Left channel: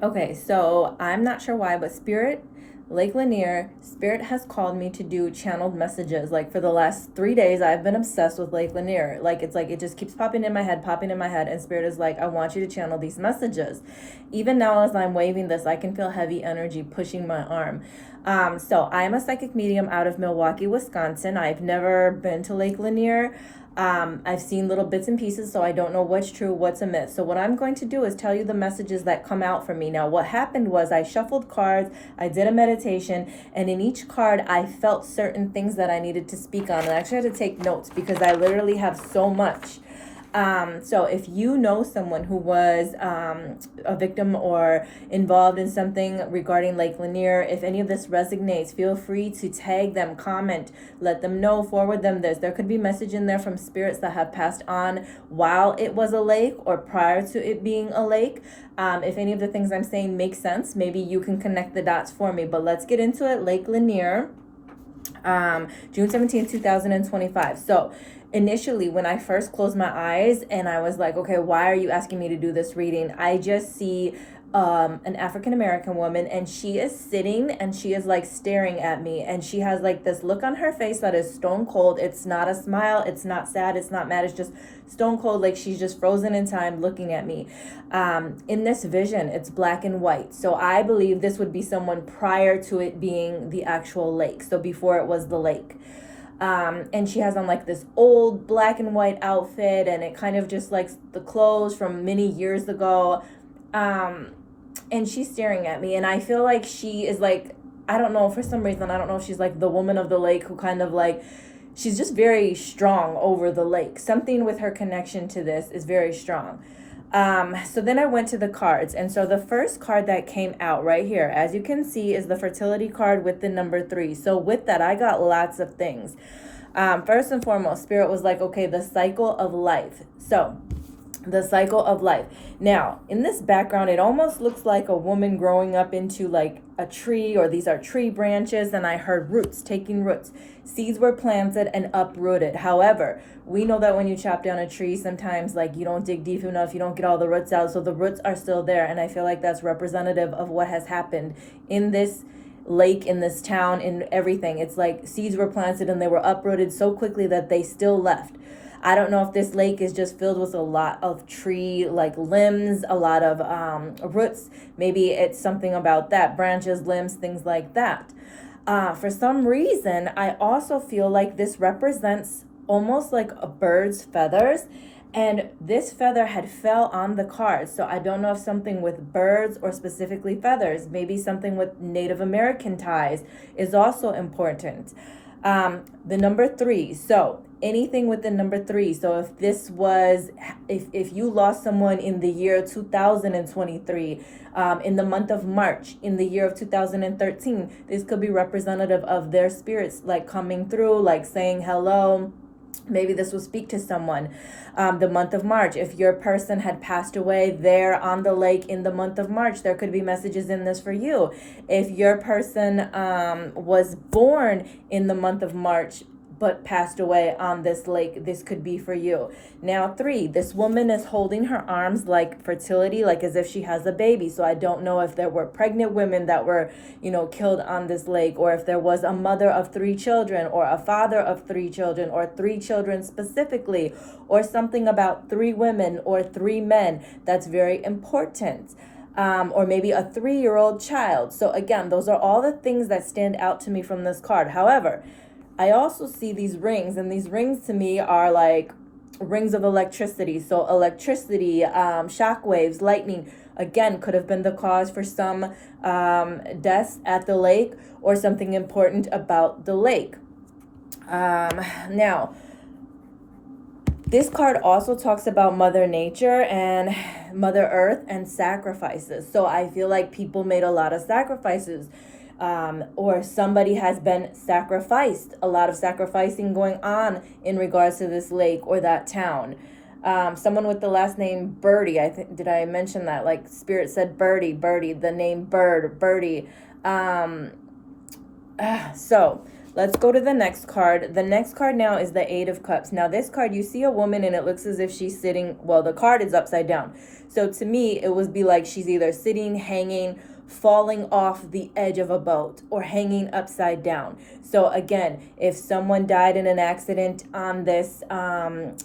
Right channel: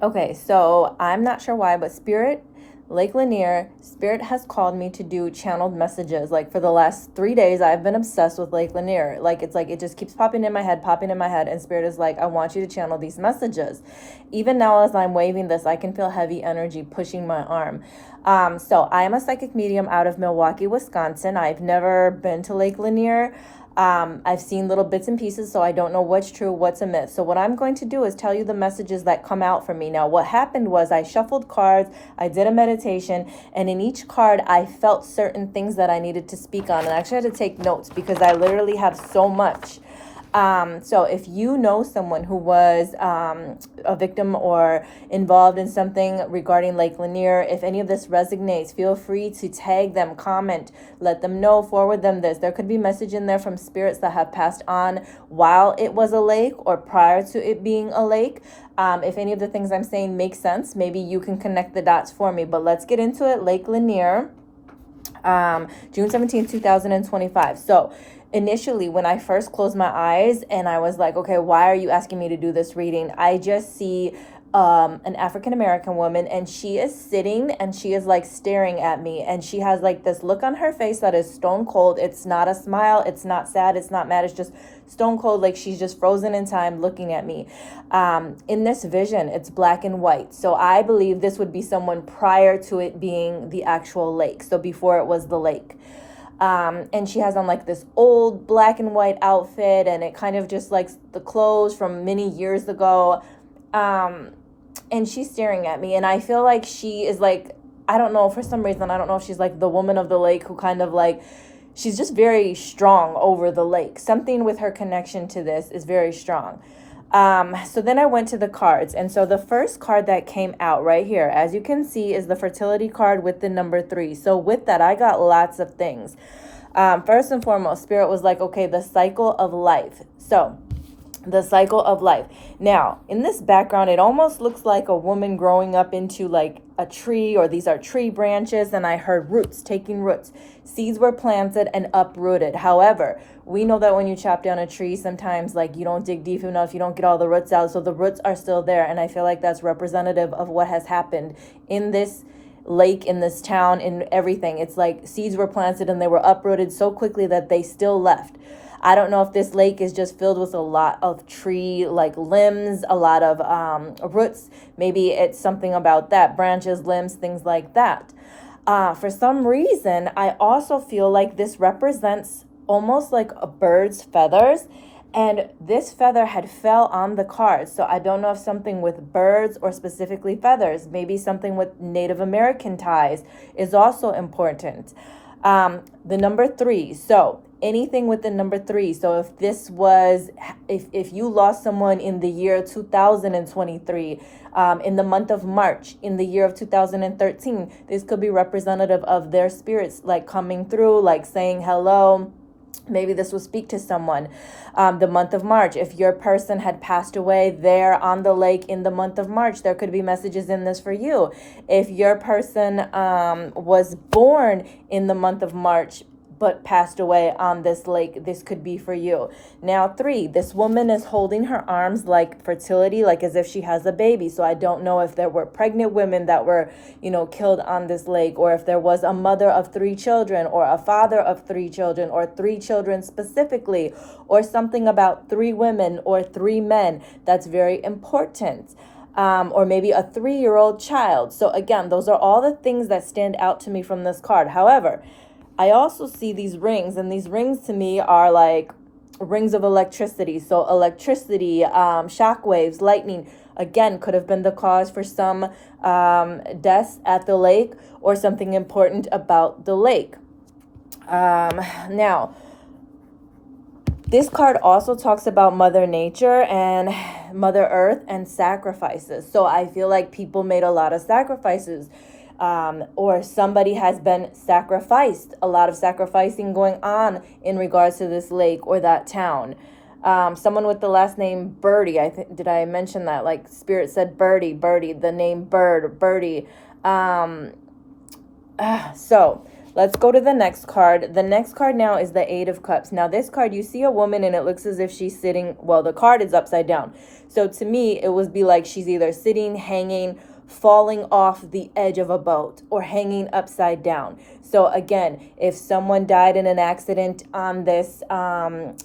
Okay, so I'm not sure why, but Lake Lanier, Spirit has called me to do channeled messages. Like for the last 3 days, I've been obsessed with Lake Lanier. Like it's like it just keeps popping in my head, and Spirit is like, I want you to channel these messages. Even now, as I'm waving this, I can feel heavy energy pushing my arm. So I'm a psychic medium out of Milwaukee, Wisconsin. I've never been to Lake Lanier. I've seen little bits and pieces, so I don't know what's true, what's a myth. So what I'm going to do is tell you the messages that come out for me. Now, what happened was I shuffled cards, I did a meditation, and in each card, I felt certain things that I needed to speak on. And I actually had to take notes because I literally have so much. So if you know someone who was a victim or involved in something regarding Lake Lanier, if any of this resonates, feel free to tag them, comment, let them know, forward them this. There could be message in there from spirits that have passed on while it was a lake or prior to it being a lake. If any of the things I'm saying make sense, maybe you can connect the dots for me. But let's get into it. Lake Lanier, June 17th, 2025. So initially, when I first closed my eyes and I was like, okay, why are you asking me to do this reading? I just see an African American woman, and she is sitting and she is like staring at me, and she has like this look on her face that is stone cold. It's not a smile, it's not sad, it's not mad, it's just stone cold, like she's just frozen in time looking at me. In this vision, it's black and white, so I believe this would be someone prior to it being the actual lake, so before it was the lake. And she has on like this old black and white outfit, and it kind of just like the clothes from many years ago. And she's staring at me, and I feel like she is like, I don't know, for some reason, I don't know if she's like the woman of the lake who kind of like, she's just very strong over the lake. Something with her connection to this is very strong. So then I went to the cards, and so the first card that came out right here, as you can see, is the fertility card with the number 3. So with that, I got lots of things. First and foremost, Spirit was like, okay, the cycle of life. So the cycle of life. Now, in this background, it almost looks like a woman growing up into like a tree, or these are tree branches, and I heard roots, taking roots. Seeds were planted and uprooted. However, we know that when you chop down a tree, sometimes like you don't dig deep enough, you don't get all the roots out, so the roots are still there, and I feel like that's representative of what has happened in this lake, in this town, in everything. It's like seeds were planted and they were uprooted so quickly that they still left. I don't know if this lake is just filled with a lot of tree like limbs, a lot of roots. Maybe it's something about that, branches, limbs, things like that. For some reason, I also feel like this represents almost like a bird's feathers, and this feather had fell on the card. So I don't know if something with birds or specifically feathers, maybe something with Native American ties is also important. The number 3. So anything with the number 3. So if this was, if you lost someone in the year 2023, in the month of March, in the year of 2013, this could be representative of their spirits like coming through, like saying hello. Maybe this will speak to someone. The month of March, if your person had passed away there on the lake in the month of March, there could be messages in this for you. If your person was born in the month of March but passed away on this lake, this could be for you. Now 3, this woman is holding her arms like fertility, like as if she has a baby. So I don't know if there were pregnant women that were, killed on this lake, or if there was a mother of 3 children, or a father of 3 children, or 3 children specifically, or something about 3 women or 3 men. That's very important. Or maybe a 3-year-old child. So again, those are all the things that stand out to me from this card. However, I also see these rings, and these rings to me are like rings of electricity. So electricity, shock waves, lightning, again, could have been the cause for some deaths at the lake, or something important about the lake. Now, this card also talks about Mother Nature and Mother Earth and sacrifices. So I feel like people made a lot of sacrifices. Or somebody has been sacrificed, a lot of sacrificing going on in regards to this lake or that town. Someone with the last name Birdie, did I mention that? Like Spirit said Birdie, the name Bird, Birdie. So Let's go to the next card. The next card now is the Eight of Cups. Now this card, you see a woman and it looks as if she's sitting, well, the card is upside down. So to me, it would be like she's either sitting, hanging, falling off the edge of a boat, or hanging upside down. So again, if someone died in an accident on this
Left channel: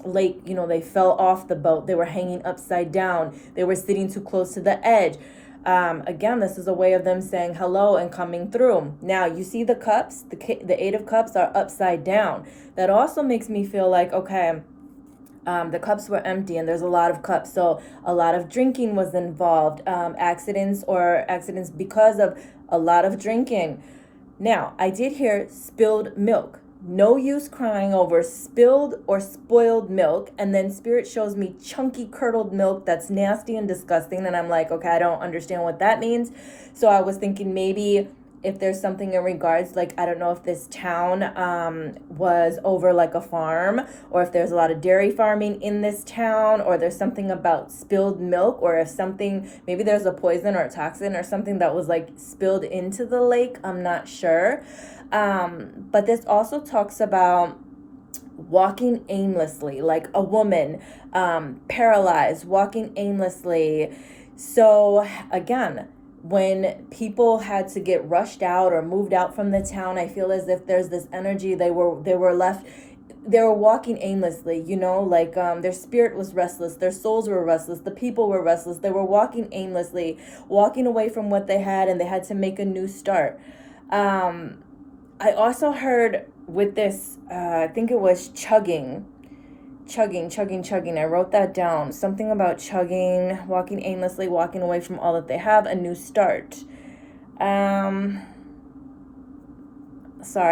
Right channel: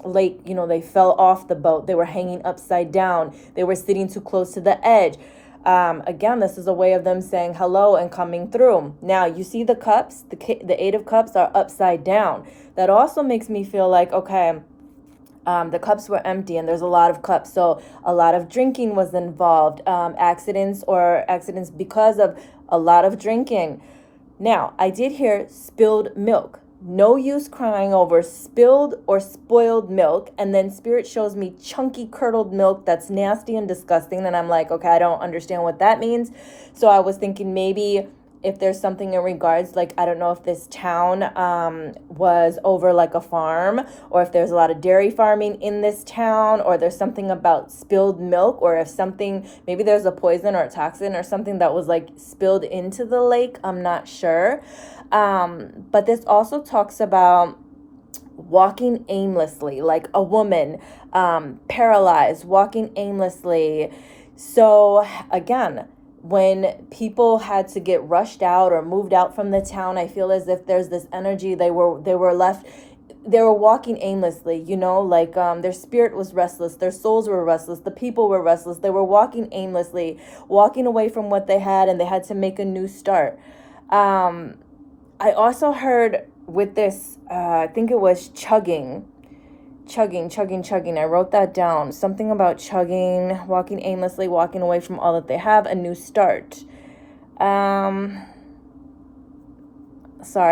lake, you know, they fell off the boat, they were hanging upside down, they were sitting too close to the edge. Again, this is a way of them saying hello and coming through. Now, you see the cups, the Eight of Cups are upside down. That also makes me feel like, okay, the cups were empty and there's a lot of cups. So a lot of drinking was involved, accidents because of a lot of drinking. Now, I did hear spilled milk. No use crying over spilled or spoiled milk. And then Spirit shows me chunky curdled milk that's nasty and disgusting. And I'm like, okay, I don't understand what that means. So I was thinking maybe if there's something in regards, like, I don't know if this town was over like a farm, or if there's a lot of dairy farming in this town, or there's something about spilled milk, or if something, maybe there's a poison or a toxin or something that was like spilled into the lake. I'm not sure. But this also talks about walking aimlessly, like a woman paralyzed, walking aimlessly. So again, when people had to get rushed out or moved out from the town, I feel as if there's this energy, they were walking aimlessly, you know, like their spirit was restless, their souls were restless, the people were restless, they were walking aimlessly, walking away from what they had, and they had to make a new start. I also heard with this, I think it was chugging. I wrote that down. Something about chugging, walking aimlessly, walking away from all that they have, a new start. Sorry,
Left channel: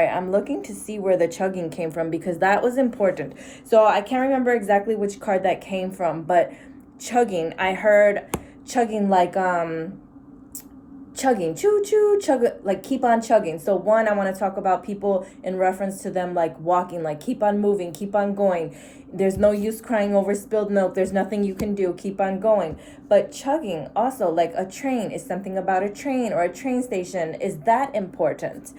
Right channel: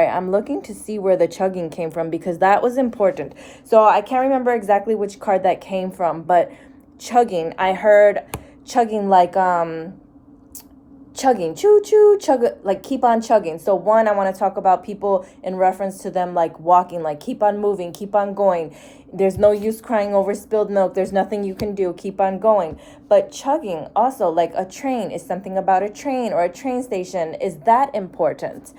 I'm looking to see where the chugging came from because that was important. So I can't remember exactly which card that came from, but chugging, I heard chugging like, chugging, chug, like keep on chugging. So one, I want to talk about people in reference to them like walking, like keep on moving, keep on going. There's no use crying over spilled milk. There's nothing you can do. Keep on going. But chugging also, like a train, is something about a train or a train station. Is that important?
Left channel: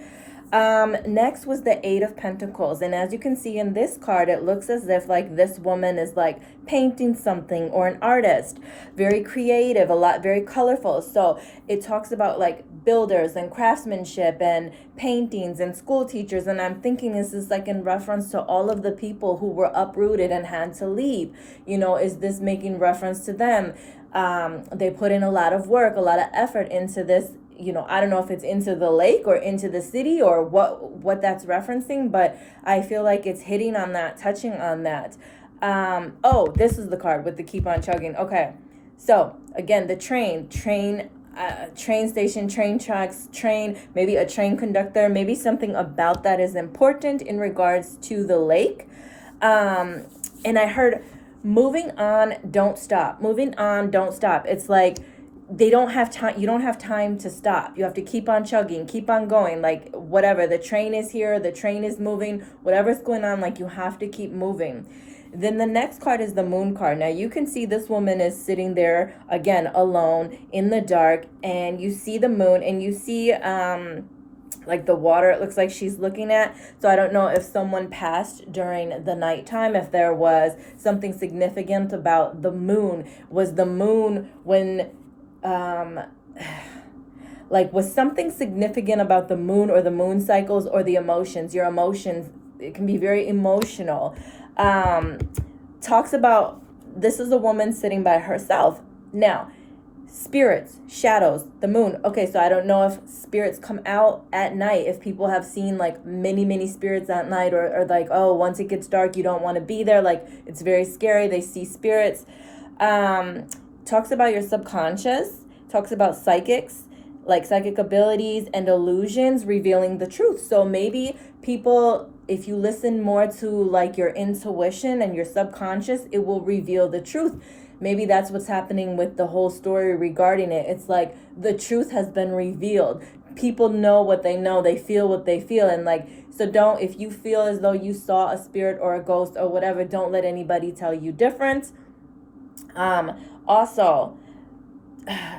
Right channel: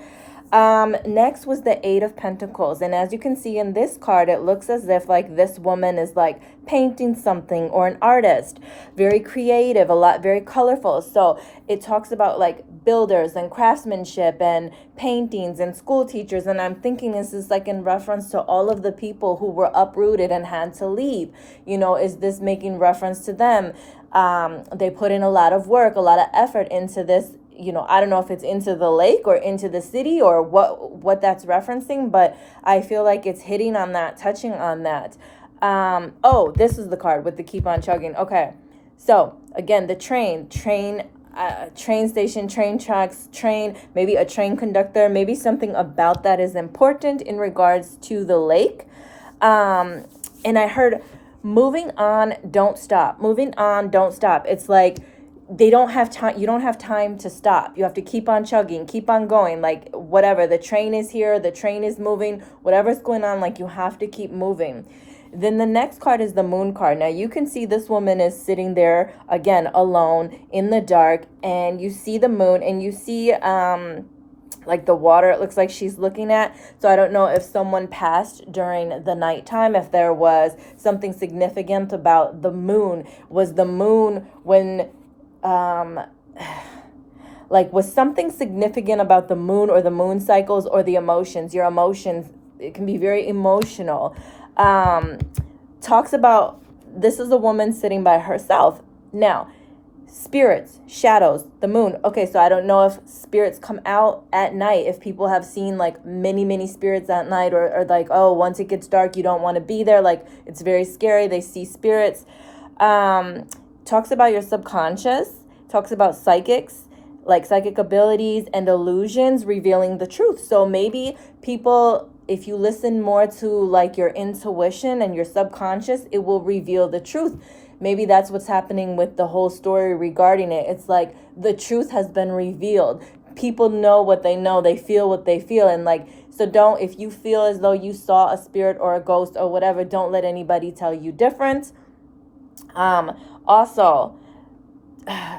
Next was the Eight of Pentacles. And as you can see in this card, it looks as if like this woman is like painting something, or an artist, very creative, very colorful. So it talks about like builders and craftsmanship and paintings and school teachers. And I'm thinking this is like in reference to all of the people who were uprooted and had to leave. You know, is this making reference to them? They put in a lot of work, a lot of effort into this. You know, I don't know if it's into the lake or into the city or what that's referencing, but I feel like it's hitting on that, touching on that. Oh, this is the card with the keep on chugging. Okay. So again, the train station, train tracks, maybe a train conductor, maybe something about that is important in regards to the lake. And I heard moving on, don't stop. Moving on, don't stop. It's like, they don't have time. You don't have time to stop. You have to keep on chugging, keep on going. Like whatever, the train is here, the train is moving, whatever's going on, like you have to keep moving. Then the next card is the Moon card. Now you can see this woman is sitting there again, alone in the dark, and you see the moon, and you see like the water it looks like she's looking at. So I don't know if someone passed during the nighttime, if there was something significant about the moon. Was the moon when like was something significant about the moon or the moon cycles or the emotions, your emotions? It can be very emotional. Talks about, this is a woman sitting by herself. Now, spirits, shadows, the moon. Okay, so I don't know if spirits come out at night, if people have seen like many spirits at night, or like, oh, once it gets dark, you don't want to be there. Like it's very scary. They see spirits. Talks about your subconscious, talks about psychics, like psychic abilities and illusions revealing the truth. So maybe people, if you listen more to like your intuition and your subconscious, it will reveal the truth. Maybe that's what's happening with the whole story regarding it. It's like the truth has been revealed. People know what they know. They feel what they feel. And like, so don't, if you feel as though you saw a spirit or a ghost or whatever, don't let anybody tell you different. Also,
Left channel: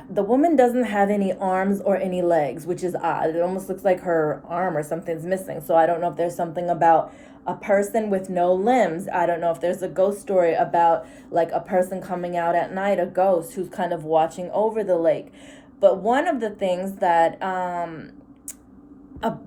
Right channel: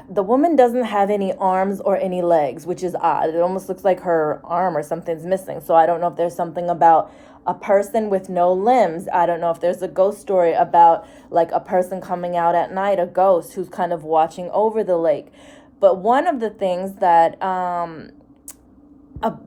the woman doesn't have any arms or any legs, which is odd. It almost looks like her arm or something's missing. So I don't know if there's something about a person with no limbs. I don't know if there's a ghost story about like a person coming out at night, a ghost who's kind of watching over the lake. But one of the things that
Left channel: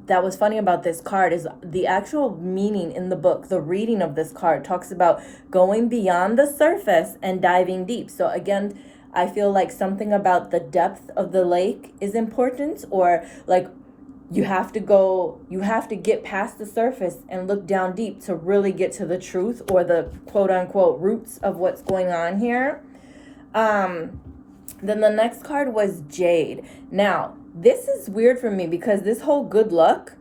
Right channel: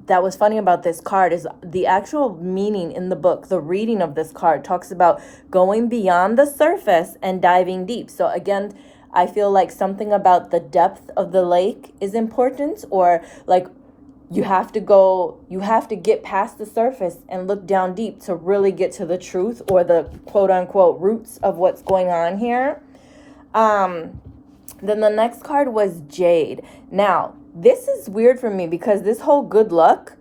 that was funny about this card is the actual meaning in the book. The reading of this card talks about going beyond the surface and diving deep. So again, I feel like something about the depth of the lake is important, or like you have to get past the surface and look down deep to really get to the truth or the quote unquote roots of what's going on here. Then the next card was Jade. Now, this is weird for me because this whole good luck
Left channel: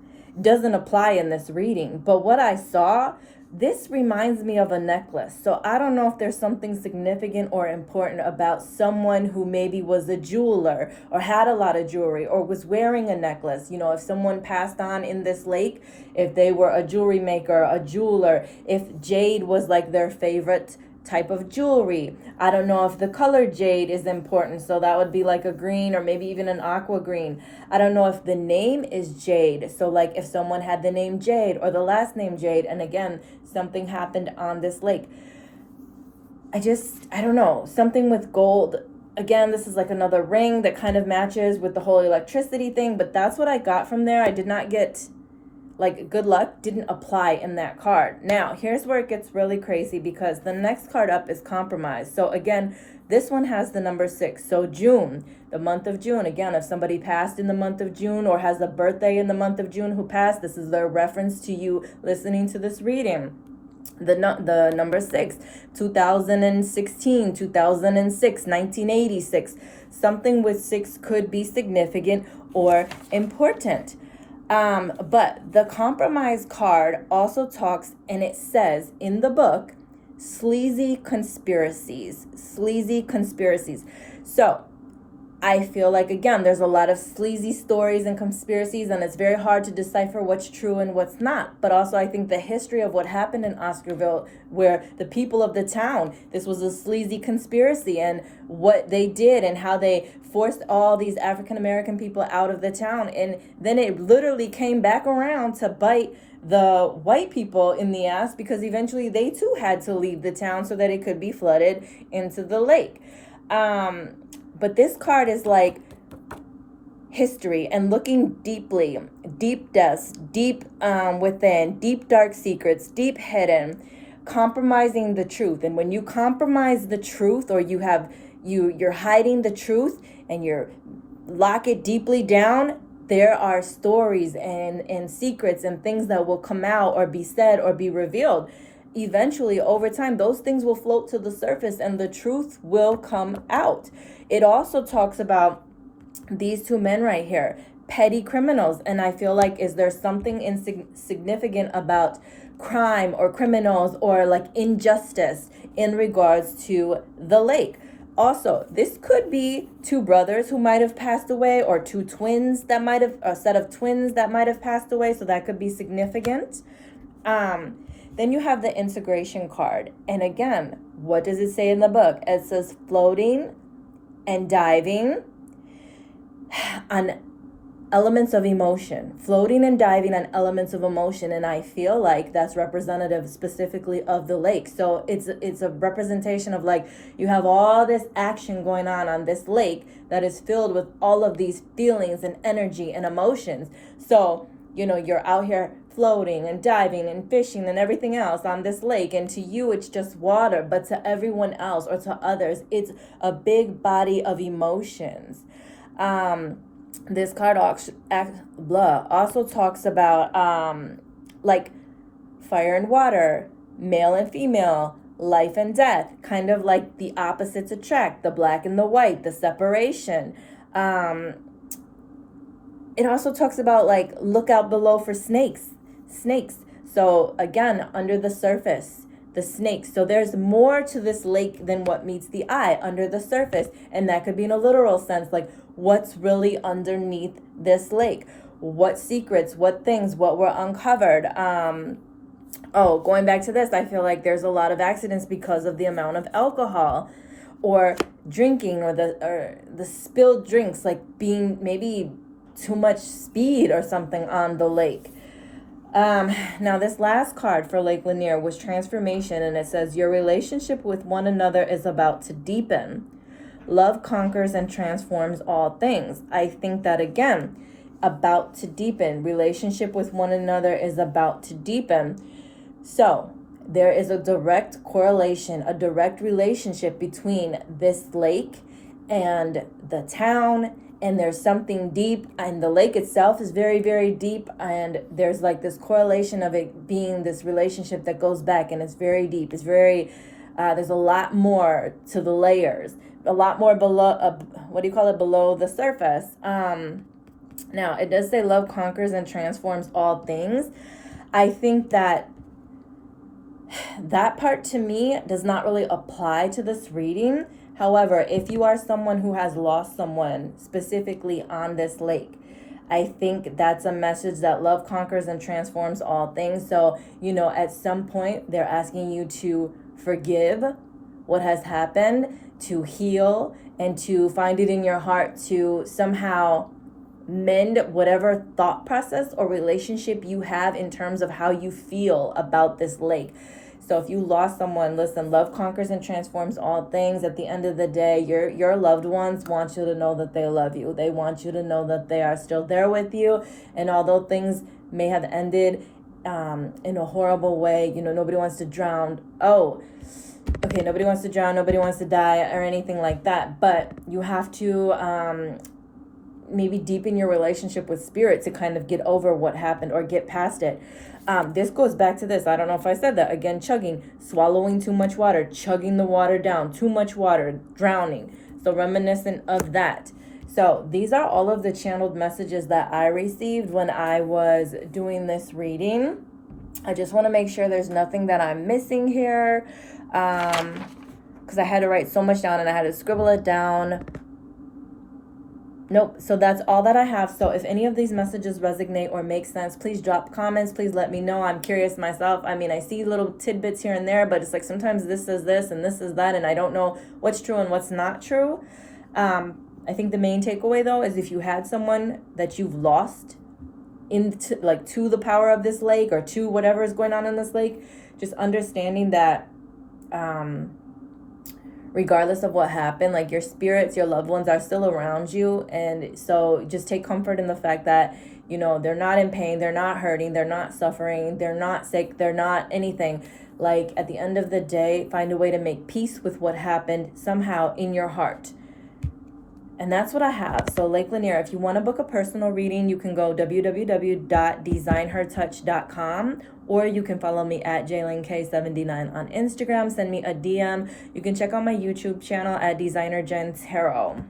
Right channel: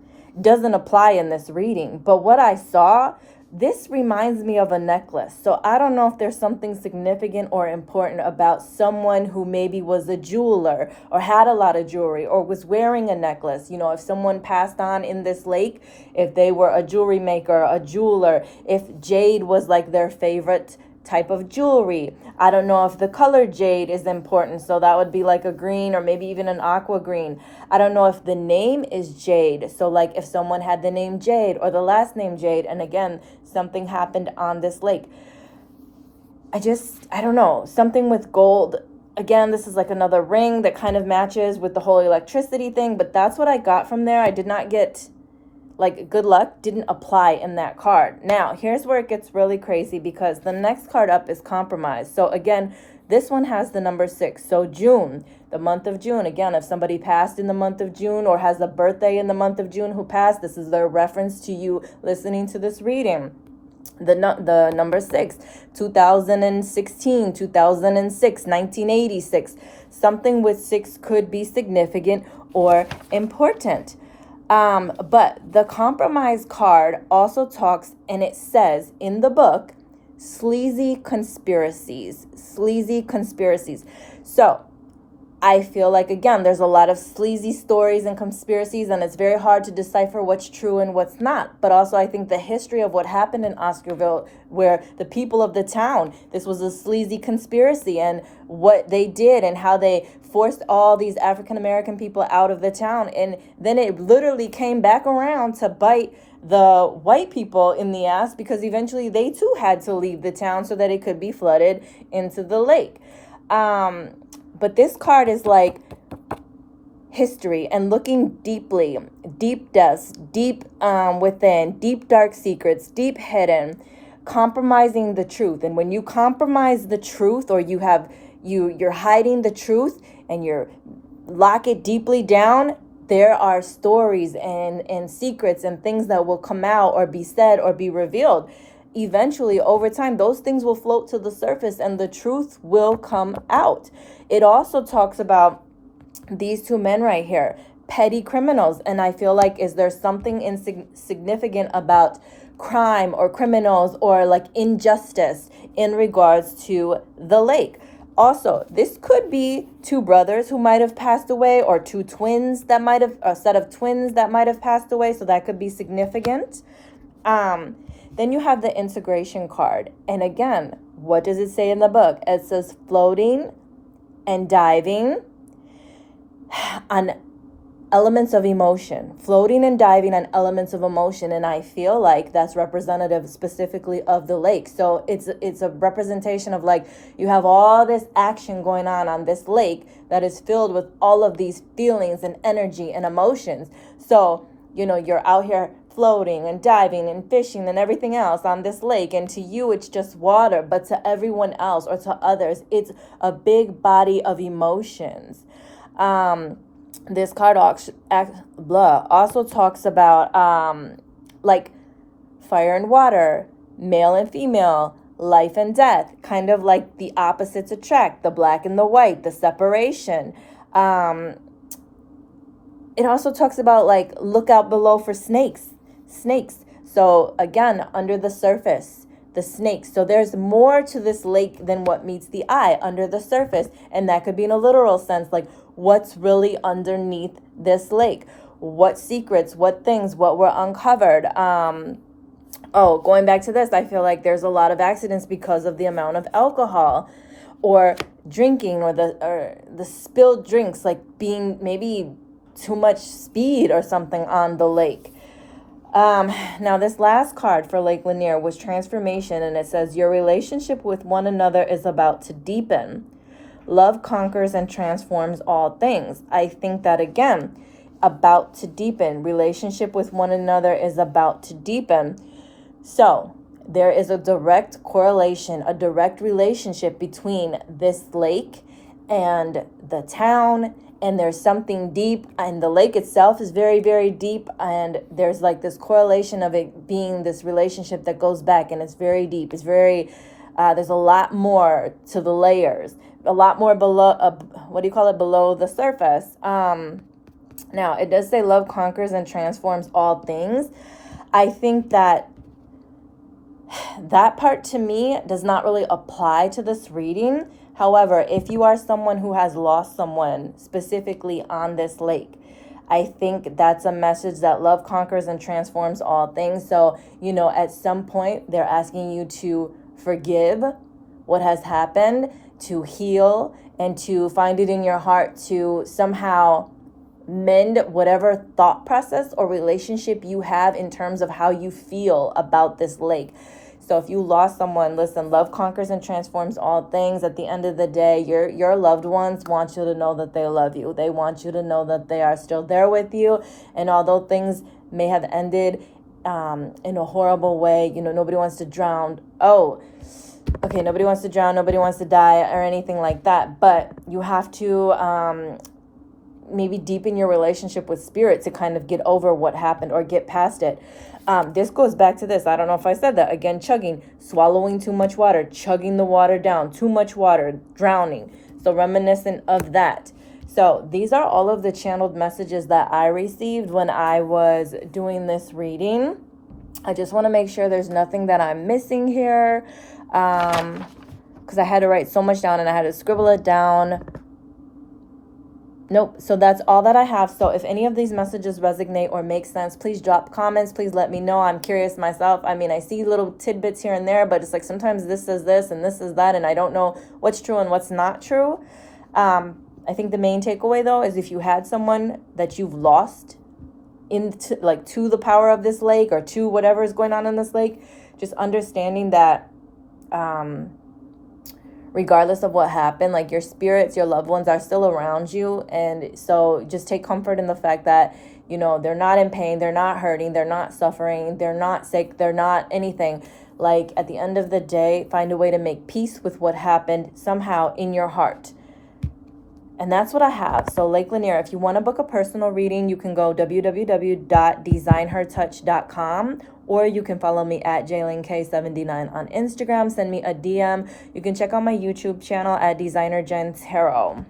doesn't apply in this reading. But what I saw, this reminds me of a necklace. So I don't know if there's something significant or important about someone who maybe was a jeweler or had a lot of jewelry or was wearing a necklace. You know, if someone passed on in this lake, if they were a jewelry maker, a jeweler, if jade was like their favorite type of jewelry. I don't know if the color jade is important, so that would be like a green or maybe even an aqua green. I don't know if the name is Jade, so like if someone had the name Jade or the last name Jade, and again something happened on this lake. I don't know, something with gold. Again, this is like another ring that kind of matches with the whole electricity thing, but that's what I got from there. I did not get, like, good luck didn't apply in that card. Now, here's where it gets really crazy because the next card up is compromise. So again, this one has the number 6. So June, the month of June. Again, if somebody passed in the month of June or has a birthday in the month of June who passed, this is their reference to you listening to this reading. The number 6, 2016, 2006, 1986. Something with 6 could be significant or important. But the compromise card also talks, and it says in the book, sleazy conspiracies. So I feel like, again, there's a lot of sleazy stories and conspiracies, and it's very hard to decipher what's true and what's not. But also I think the history of what happened in Oscarville, where the people of the town, this was a sleazy conspiracy, and what they did and how they forced all these African-American people out of the town. And then it literally came back around to bite the white people in the ass, because eventually they too had to leave the town so that it could be flooded into the lake. But this card is like history and looking deeply, deep depths, deep within, deep dark secrets, deep hidden, compromising the truth. And when you compromise the truth, or you're hiding the truth and you lock it deeply down, there are stories and secrets and things that will come out or be said or be revealed. Eventually, over time, those things will float to the surface and the truth will come out. It also talks about these two men right here, petty criminals. And I feel like, is there something insignificant about crime or criminals or like injustice in regards to the lake? Also, this could be two brothers who might have passed away, or two twins that might have, a set of twins that might have passed away. So that could be significant. Then you have the integration card. And again, what does it say in the book? It says floating and diving on elements of emotion. Floating and diving on elements of emotion. And I feel like that's representative specifically of the lake. So it's a representation of, like, you have all this action going on this lake that is filled with all of these feelings and energy and emotions. So, you know, you're out here floating and diving and fishing and everything else on this lake, and to you it's just water, but to everyone else or to others it's a big body of emotions. This card also talks about like fire and water, male and female, life and death, kind of like the opposites attract, the black and the white, the separation. It also talks about, like, look out below for snakes. So again, under the surface, the snakes. So there's more to this lake than what meets the eye under the surface. And that could be in a literal sense, like what's really underneath this lake, what secrets, what things, what were uncovered. Going back to this, I feel like there's a lot of accidents because of the amount of alcohol or drinking, or the spilled drinks, like being maybe too much speed or something on the lake. Now this last card for Lake Lanier was transformation, and it says your relationship with one another is about to deepen. Love conquers and transforms all things. I think that again, about to deepen. Relationship with one another is about to deepen. So there is a direct correlation, a direct relationship between this lake and the town, and there's something deep, and the lake itself is very, very deep, and there's like this correlation of it being this relationship that goes back, and it's very deep. It's very, there's a lot more to the layers, a lot more below, below the surface. Now, it does say love conquers and transforms all things. I think that part to me does not really apply to this reading. However, if you are someone who has lost someone specifically on this lake, I think that's a message that love conquers and transforms all things. So, at some point, they're asking you to forgive what has happened, to heal, and to find it in your heart to somehow mend whatever thought process or relationship you have in terms of how you feel about this lake. So if you lost someone, listen, love conquers and transforms all things. At the end of the day, your loved ones want you to know that they love you. They want you to know that they are still there with you. And although things may have ended in a horrible way, nobody wants to drown. Nobody wants to drown, nobody wants to die or anything like that. But you have to maybe deepen your relationship with spirit to kind of get over what happened or get past it. This goes back to this. I don't know if I said that. Again, chugging, swallowing too much water, chugging the water down, too much water, drowning. So reminiscent of that. So these are all of the channeled messages that I received when I was doing this reading. I just want to make sure there's nothing that I'm missing here. Because I had to write so much down and I had to scribble it down. Nope. So that's all that I have. So if any of these messages resonate or make sense, please drop comments. Please let me know. I'm curious myself. I mean, I see little tidbits here and there, but it's like sometimes this is this and this is that, and I don't know what's true and what's not true. I think the main takeaway, though, is if you had someone that you've lost to the power of this lake or to whatever is going on in this lake, just understanding that regardless of what happened, like your spirits, your loved ones are still around you. And so just take comfort in the fact that, they're not in pain, they're not hurting, they're not suffering, they're not sick, they're not anything. Like at the end of the day, find a way to make peace with what happened somehow in your heart. And that's what I have. So Lake Lanier, if you want to book a personal reading, you can go www.designhertouch.com, or you can follow me at JaylinK79 on Instagram. Send me a DM. You can check out my YouTube channel at Designer Jen Tarot.